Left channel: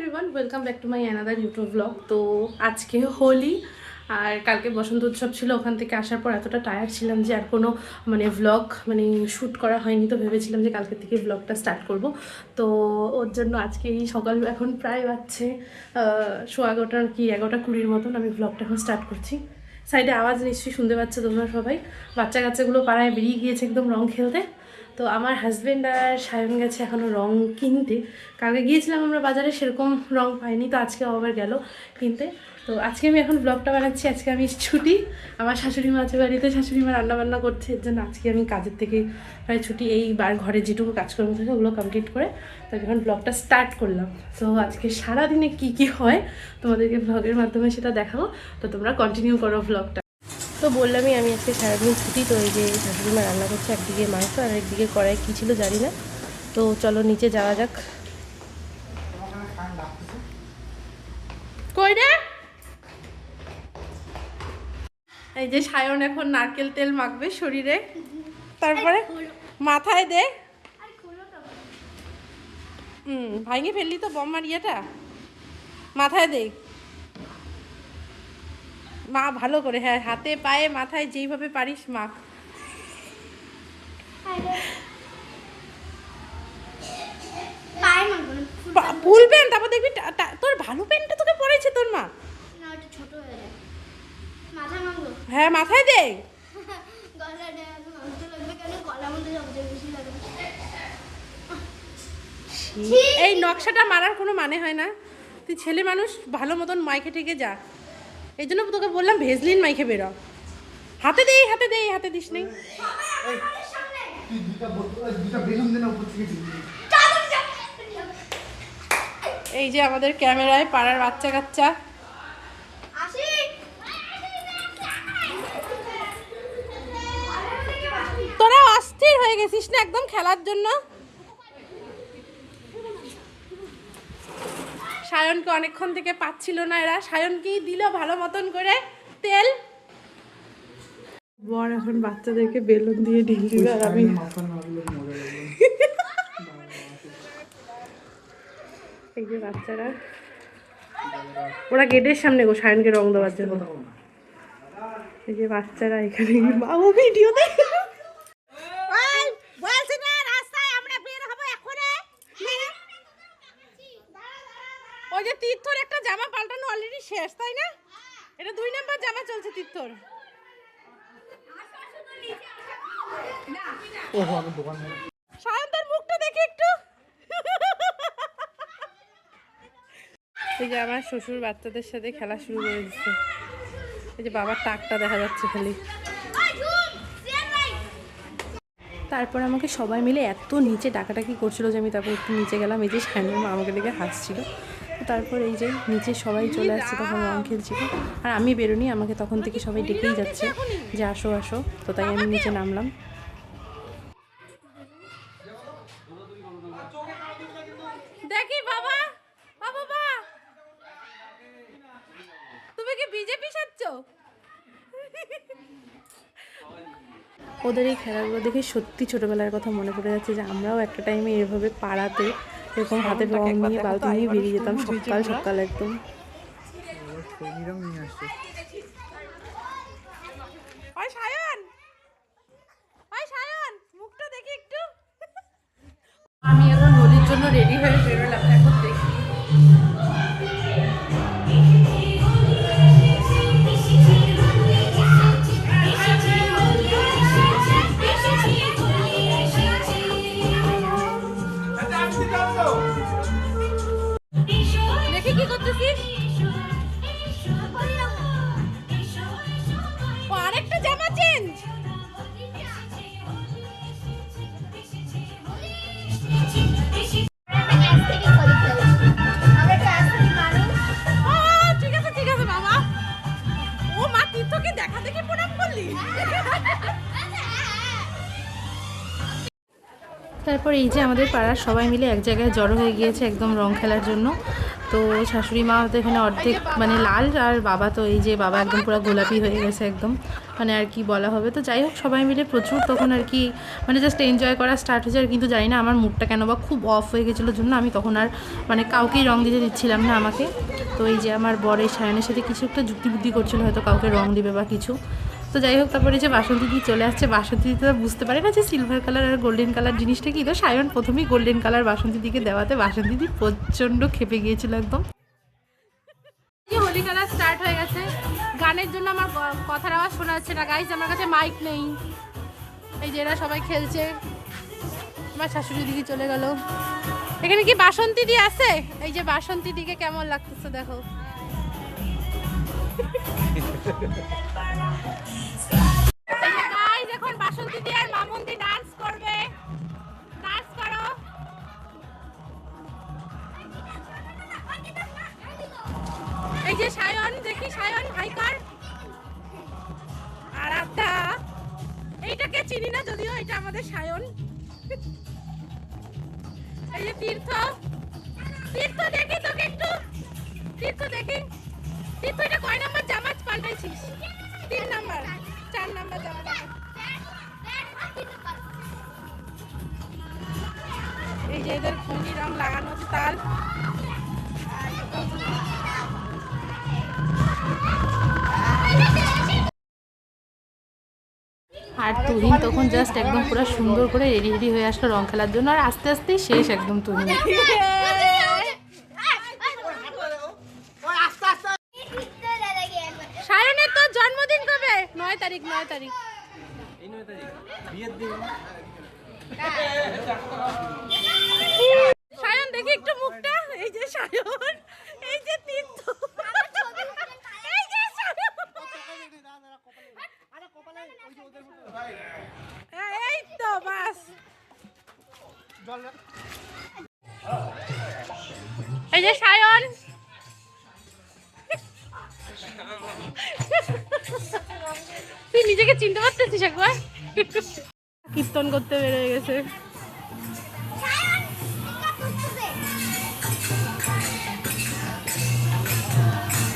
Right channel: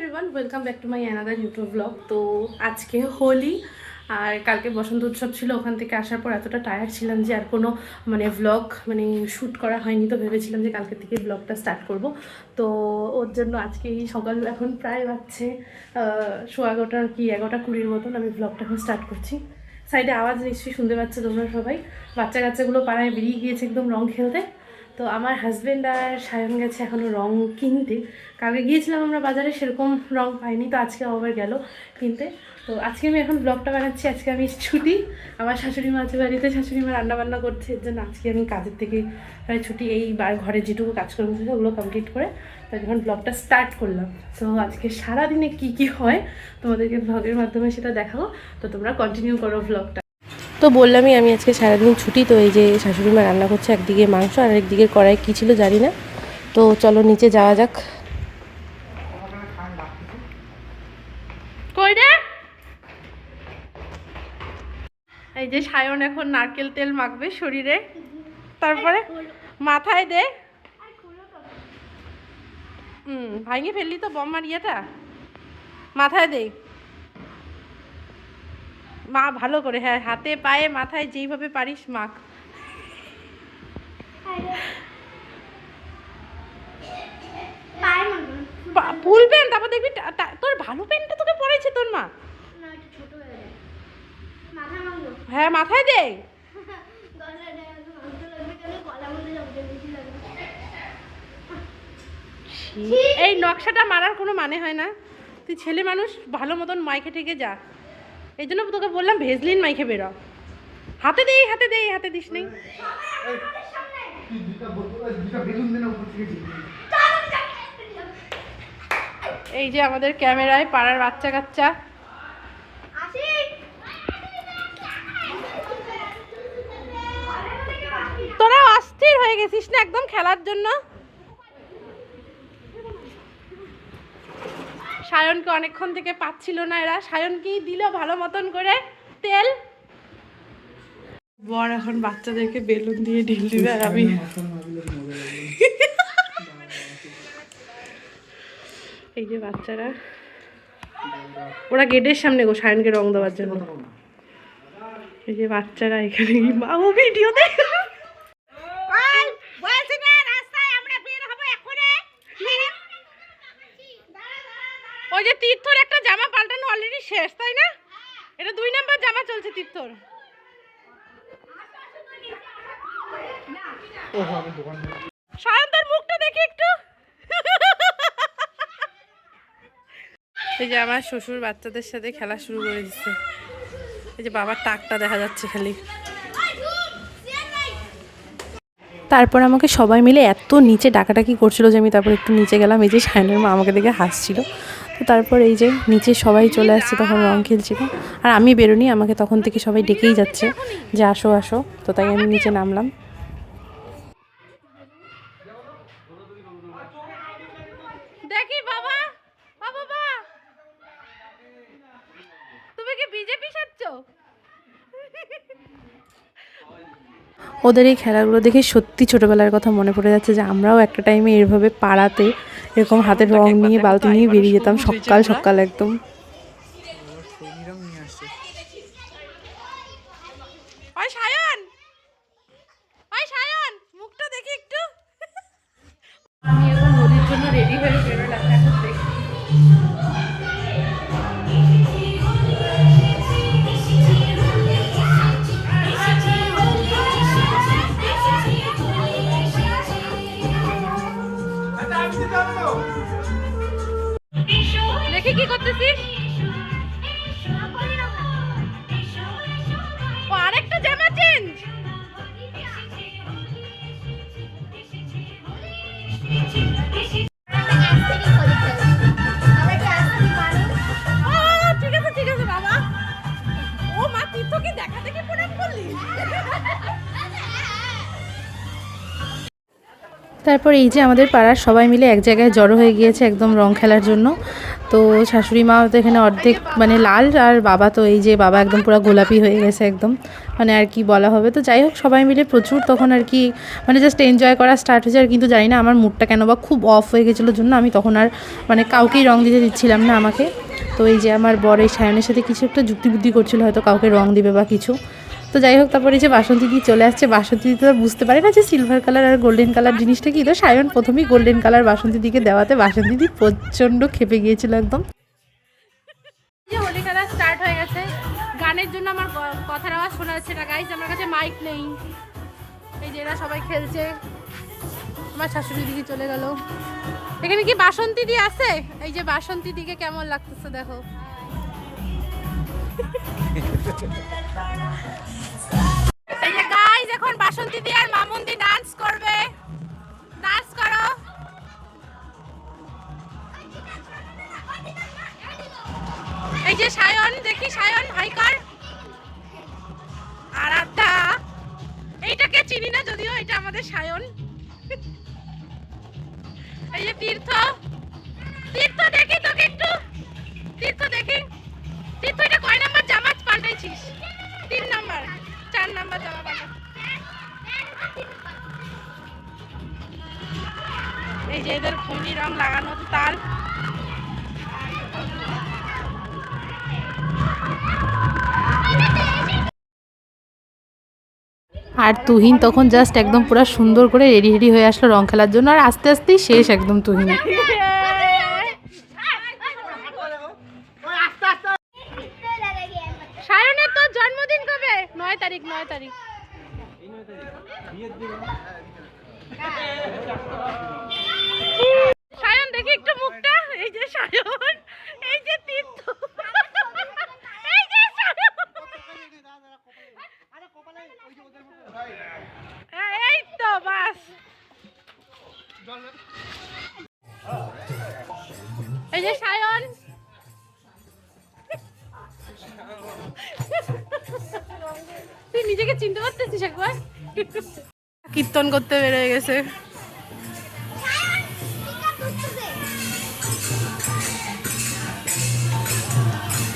Everyone, welcome back to my another YouTube blog. তো আজকে হোলি আর কালকে বসন্ত উৎসব ছিল। ওখান থেকে আসার পর এতটা টায়ার্ড ছিলাম যে আর কোনো ব্লগ শ্যুট করা হয়নি। তো ভেবেছিলাম যে কালকে থেকে ব্লগটা স্টার্ট করব। তো ওর জন্য আজকে এই সকাল এখন প্রায় বাজছে 11:15 কি 11:20 মতন আমি ব্লগটা এখন স্টার্ট করছি। সাইডে আওয়াজ নিশ্চয়ই শুনতে পাচ্ছ তোমরা সবাই। বাচ্চা কাচ্চাগুলো পাড়ায় বেরিয়ে গিয়েছে একদম রং খেলতে। তো আমার হাজব্যান্ড আর সায়ন গেছে এখনও রং কিনতে। কালকে গিয়েছিলাম আমরা বাজারে, সেরকম রং পাইনি, তো আজকে আবার গেল কিনতে। তো আজকে আমি এখন ব্লগটা বানাচ্ছি। আজকে আমি ছুটি, আমার শাশুড়ি মা আছে বাড়িতে, শাশুড়ি মা রান্নাবান্না করছে, এর জন্য আজকে আমি কাজের থেকে প্রায় ছুটি। এই ঘরে যেটুকু কাজকর্ম থাকে ওগুলো কমপ্লিট করে তো যখন ব্লগটা স্টার্ট করলাম। তো আজকে সারাদিনে কি হয় তোমাদেরকে ব্লগের মাধ্যমে সেটা দেখাবো। তো তোমরা কন্টিনিউ করো ব্লগটা। তো বললামই আমি আজকে সারাদিন ছুটি। তো এই যে শাশুড়ি মা রান্না করছে, একদিকে মাংস আর একদিকে কড়াই কী ছিল জানি না। তো চলো নিচে যাওয়া যাক। কই রে? এই যে সায়ন এখন নারকেল তেল মাখবে শরীরে, তারপরে মাথায় দে। ভাঙিয়ে ফেললি তো বম্মার ইয়েটা, মাথায় দে। মা ভালো করে, হ্যাঁ, হাতে পায়ে মাথায় যেইভাবে পারিস মাখ। ফুল প্যান্ট, তারপর দেখবি তোর ভালো প্যান্টটা তোকে পরেছে তোর মা। হ্যাঁ মাথায় দে। এই নকশাটা মারার কোনো মানে হয় না। তুই ছেলে মানুষ, ভালো মতন মাইকে ঠেকে যা। এই জন্য তোকে বললাম ভেজলিন মাইকে বেরো। হাতে দে, হাতে দে, হাতে দিস নেই। এই যে আমাদের ক্যামেরায় পাড়ার বাচ্চা কাচ্চা। তোরা অস্থির হয়ে গেছিস না একদম খেলার জন্য। সায়নকে অনেকক্ষণ থেকে পাচ্ছিল না এরা। সায়নকেই দিল ভালো মতন করে তেল। বর এখন বাচ্চাদেরকে বেলুন দিয়ে ঢিল দিবে আর আমি এই যে বাচ্চারা, ওরা গেটের সামনে গো সায়নকে রং দেওয়ার জন্য। এই যে বাচ্চারা এখানে বাবু ভিডিও দেখ। ওই যে তীর্থর একটা জামা পাল্টানো অলরেডি শেষ, তাই না? এটা 2 নাম্বার জামা চলছে তীর্থর। সায়ন তোর মুখটা দেখি একটু। এই যে আমার শ্বশুর বাচ্চাদের সাথে খেলা শুরু করে দিচ্ছে। এই যে বাবার টাকটা দেখা যাচ্ছে খালি। তারপর আমাকে সবাই মিলে এত নিচে ডাকাডাকি করছিল যে আমি তারপর একটু নিচে গেলাম। এই যে সায়নের মা আমাকে দেখে হাসছিল। তো তারপর এই যে নিচে সবাই চলে আসছে, তখন রং খেলছিল। আর আমি বেরোনি, আমাকে তখন থেকে সবাই ডেকেই যাচ্ছে যে আসো আসো। তো তাই আমি নিচে নামলাম। দেখি বাবা, বাবা তুমি কি বিজেপি সাজছ? ওদের এই খেলাগুলো দেখে সত্যি ছোটোবেলার কথা মনে পড়ে যাচ্ছে, যে আমরাও একটা টাইমে এভাবে পাড়াতে এরকম হাতে রং নিয়ে বালতি নিয়ে বেরিয়ে যেতাম সকাল সকাল একদম। মুখটা দেখি একটু। আমি এখন হোলির জন্য রেডি হয়ে বেরোলাম, এখন দেখি। দেখি কি করতেছিস? ও আরেকটা জামা চেঞ্জ। ঠিক আছে ঠিক আছে বাবা। ও মা, তুই তোকে দেখা দেখি প্রণাম করলি। তারপর এই যে আমাদের পাড়ার সবাই মিলে এক জায়গায় জড়ো হয়ে গিয়েছে একদম রং খেলার জন্য। তো শাশুড়ি মা তো এখানে অর্ধেক মানে লাল, আর বাবা তো এই যে বাবা একদম পুরো গোলাপি হয়ে গেছে একদম, মানে আর কি বলা হবে। তো যাই হোক সবাই মিলে প্রচুর তখন আর কি মানে জাস্ট এনজয় করা স্টার্ট হয়েছে। আর কিন্তু জানি না আমার মুডটা কেন বা খুব অফ হয়ে গেছিলো জন্য আমি তখন আর মানে কাউকেই রং দিতে দিচ্ছিলাম না আমাকে। তো এই যে আমার বর এই সায়নের সাথে কিছু একটা যুক্তিবুদ্ধি করছিল, হয়তো কাউকে রং দিবে বা কিছু। তো যাই হোক তারপরে এই যে বাসন্তী দি চলে আসছে। বাসন্তী দি তো বুঝতে পারে না যে সিলভার কালার আর গোল্ডেন কালার জিনিসটা কি। তো সায়ন প্রথমেই গোল্ডেন কালার বাসন্তী দিকে দেওয়াতে বাসন্তী দি প্রচণ্ড খেপে গিয়েছিল একদম। হোলি খেলা স্টার্ট হয়ে গেছে। গানের জন্য আমার কথার আওয়াজ শোনা যাচ্ছে না গাইজ, আমার কাছে মাইক নেই। এই যে এরা সবাই খেলছে, আমার শাশুড়ি দিকে চলে গেল। এখানে কি বাসন্তী দি আছে? এই যে বাসন্তী দিকে কেমন লাগতেছে দেখো। এই যে গাইজ এখন বাসন্তী দি আর মামুন দি ডান্স করবে। ডান্স করো। এই যে সায়ন, দেখি সায়ন হাই কর। আর আড্ডা, এইটাকে চিনি না যদিও, এটা আমাদের সায়ন। এই যে তীর্থ, তীর্থ দেখি তোকে একটু, তীর্থ দেখি। তীর্থ এটা কয় নাম্বার জামা পাল্টাইছিস? 3 নাম্বার, 4 নাম্বার জামা পাল্টা। এই যে এদের খনি রং লাগানো তার। আর তুহিন তখন জাস্ট একদম পুরো সুন্দর করে রেডি হয়ে আসলো রং খেলার জন্য। আর আস্তে আস্তেই শেষ একদম তুহিন। সায়নের তো জন্মদিন কবে? 9 তারিখ। 9 তারিখ সায়ন দেখি একটু মুখটা। এই যে সায়ন, এই যে তীর্থ, এই যে সায়ন, এই তো বাস। এই যে সায়ন, তুই নিজেকে চিনতে পারতেছিস একবার? কীর্তন করতে বেরোয় গেছে।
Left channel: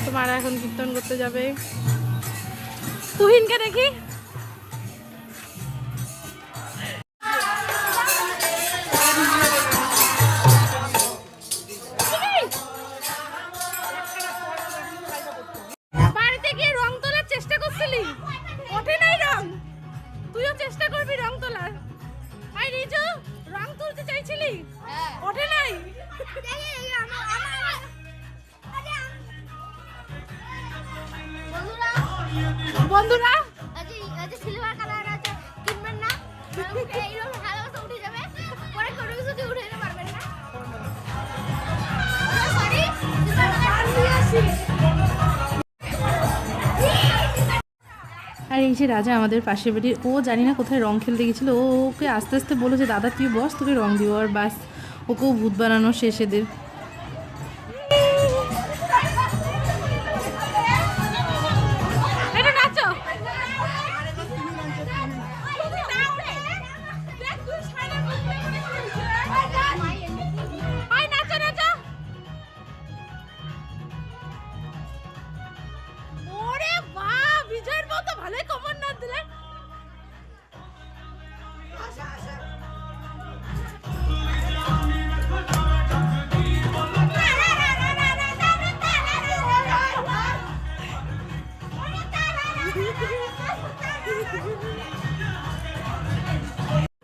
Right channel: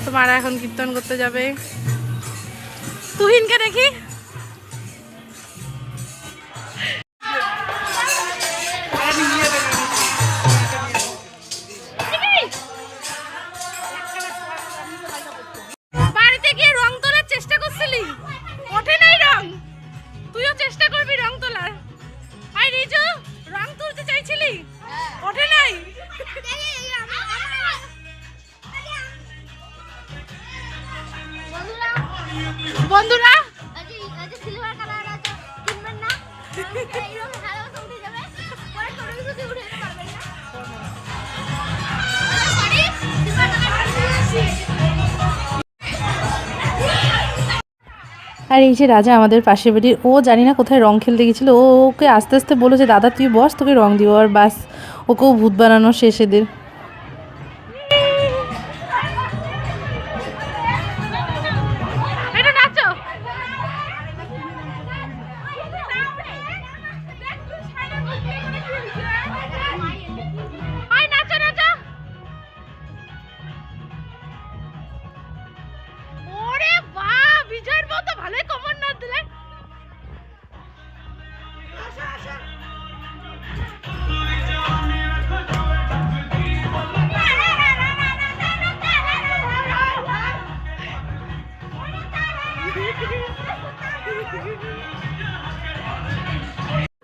তোমার এখন কীর্তন করতে যাবে। তুহিনকে দেখি। বাড়িতে গিয়ে রং তোলার চেষ্টা করছিলি, ওঠে নাই রং। তুইও চেষ্টা করবি রং তোলার। আই রিজু, রং তুলতে চাইছিলি, ওঠে নাই। বন্ধুরা সিলভার কালার আছে কিনবেন না, এইরকম ভালো উঠে যাবে, পরে করে যদি উঠে পারবেন না। সরি সিলভার কালার দিয়েছি। আর এই যে রাজা আমাদের পাশের বাড়ির, ও জানি না কোথায় রং খেলতে গেছিলো। ওকে আস্তে আস্তে বলো যে দাদা তুই বস, তোকে রং দিব। আর বাস ওকেও ভূত বানানো শেষ এদের।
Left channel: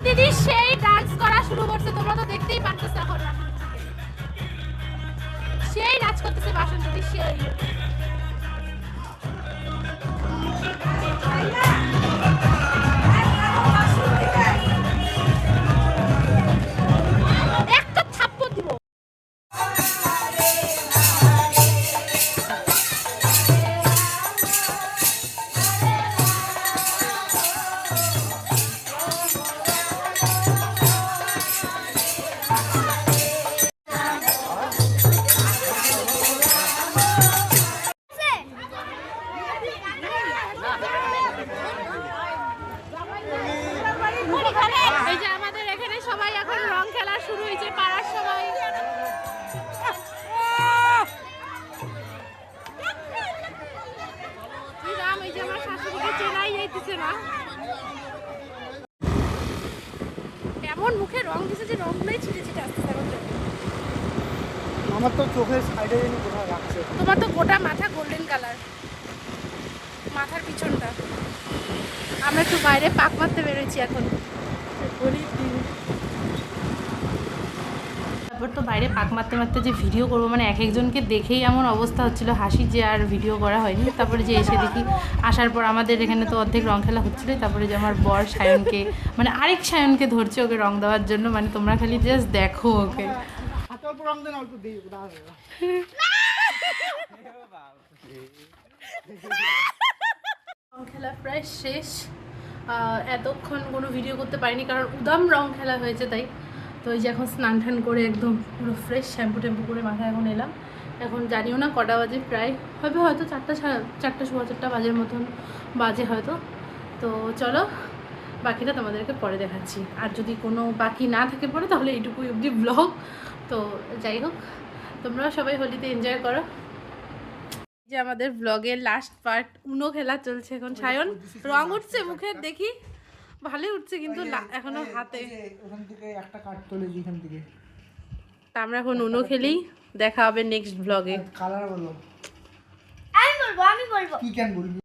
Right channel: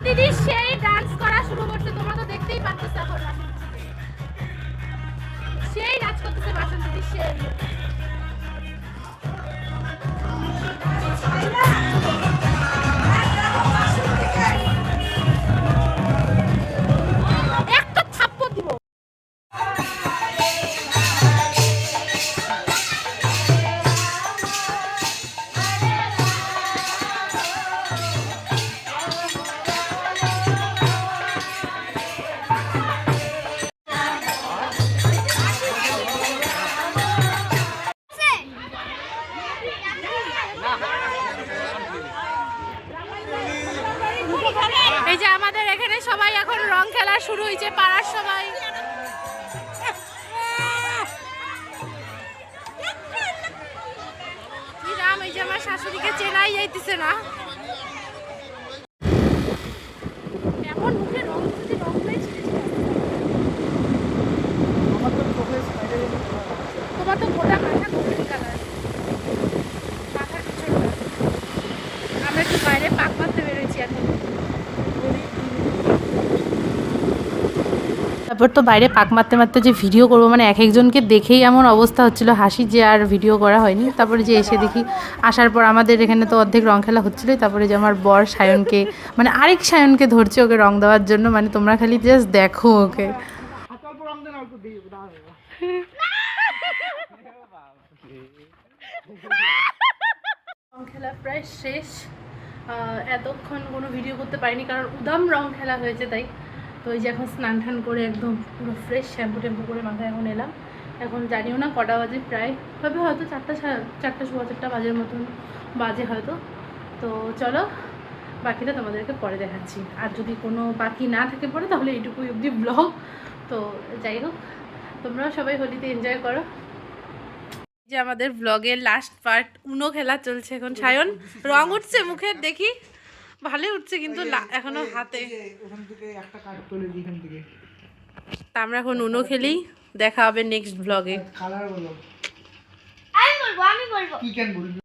দিদি সেই ডান্স করা শুরু করছে, তোমরা তো দেখতেই পাচ্ছ এখন। সেই নাচ করতেছে বাসন্তী দিদি, সেই। একটা থাপ্পড় দিব। হাসিকে চেনাই যাইতেছে না, এমন মুখে রং দিছে যে রংগুলোই ছিটে ছিটে আসতেছে। তোমার তো গোটা মাথা গোল্ডেন কালার, মাথার পিছনটা। আমরা তো বাইরে পাক মারতে বেরোচ্ছি এখন। তারপর তো বাইরে পাক মারতে মারতে যে ভিডিও করবো মানে এক একজনকে দেখেই এমন অবস্থা হচ্ছিল হাসি যে আর ভিডিও করা হয়নি। তারপরে যে এসে দেখি আসার পর আমাদের এখানে তো অর্ধেক রং খেলা হচ্ছিলোই। তারপরে যে আমার বর সায়নকে মানে আরেক সায়নকে ধরছে ওকে রং দেওয়ার জন্য, মানে তোমরা খালি জাস্ট দেখো ওকে। রং খেলা প্রায় শেষ। এতক্ষণ কোনো ভিডিও করতে পারিনি কারণ উদাম রং খেলা হয়েছে তাই। তো এই যে এখন স্নান টান করে একদম পুরো ফ্রেশ শ্যাম্পু ট্যাম্পু করে মাথায় এখন এলাম। এখন জানিও না কটা বাজে, প্রায় হবে হয়তো 4টা 4:15 বাজের মতন বাজে হয়তো। তো চলো বাকিটা তোমাদেরকে পরে দেখাচ্ছি, আর যদি কোনো বাকি না থাকে পরে তাহলে এইটুকুই অবধি ব্লগ। তো যাই হোক, তোমরাও সবাই হোলিতে এনজয় করো। যে আমাদের ব্লগের লাস্ট পার্ট উনো খেলা চলছে এখন। সায়ন রং উঠছে মুখের, দেখি ভালোই উঠছে কিন্তু এখনো হাতে। তা আমরা এখন উনো খেলি, দেখা হবে নেক্সট ব্লগে। কালার বলো, আমি বলবো কি কেন বলবি?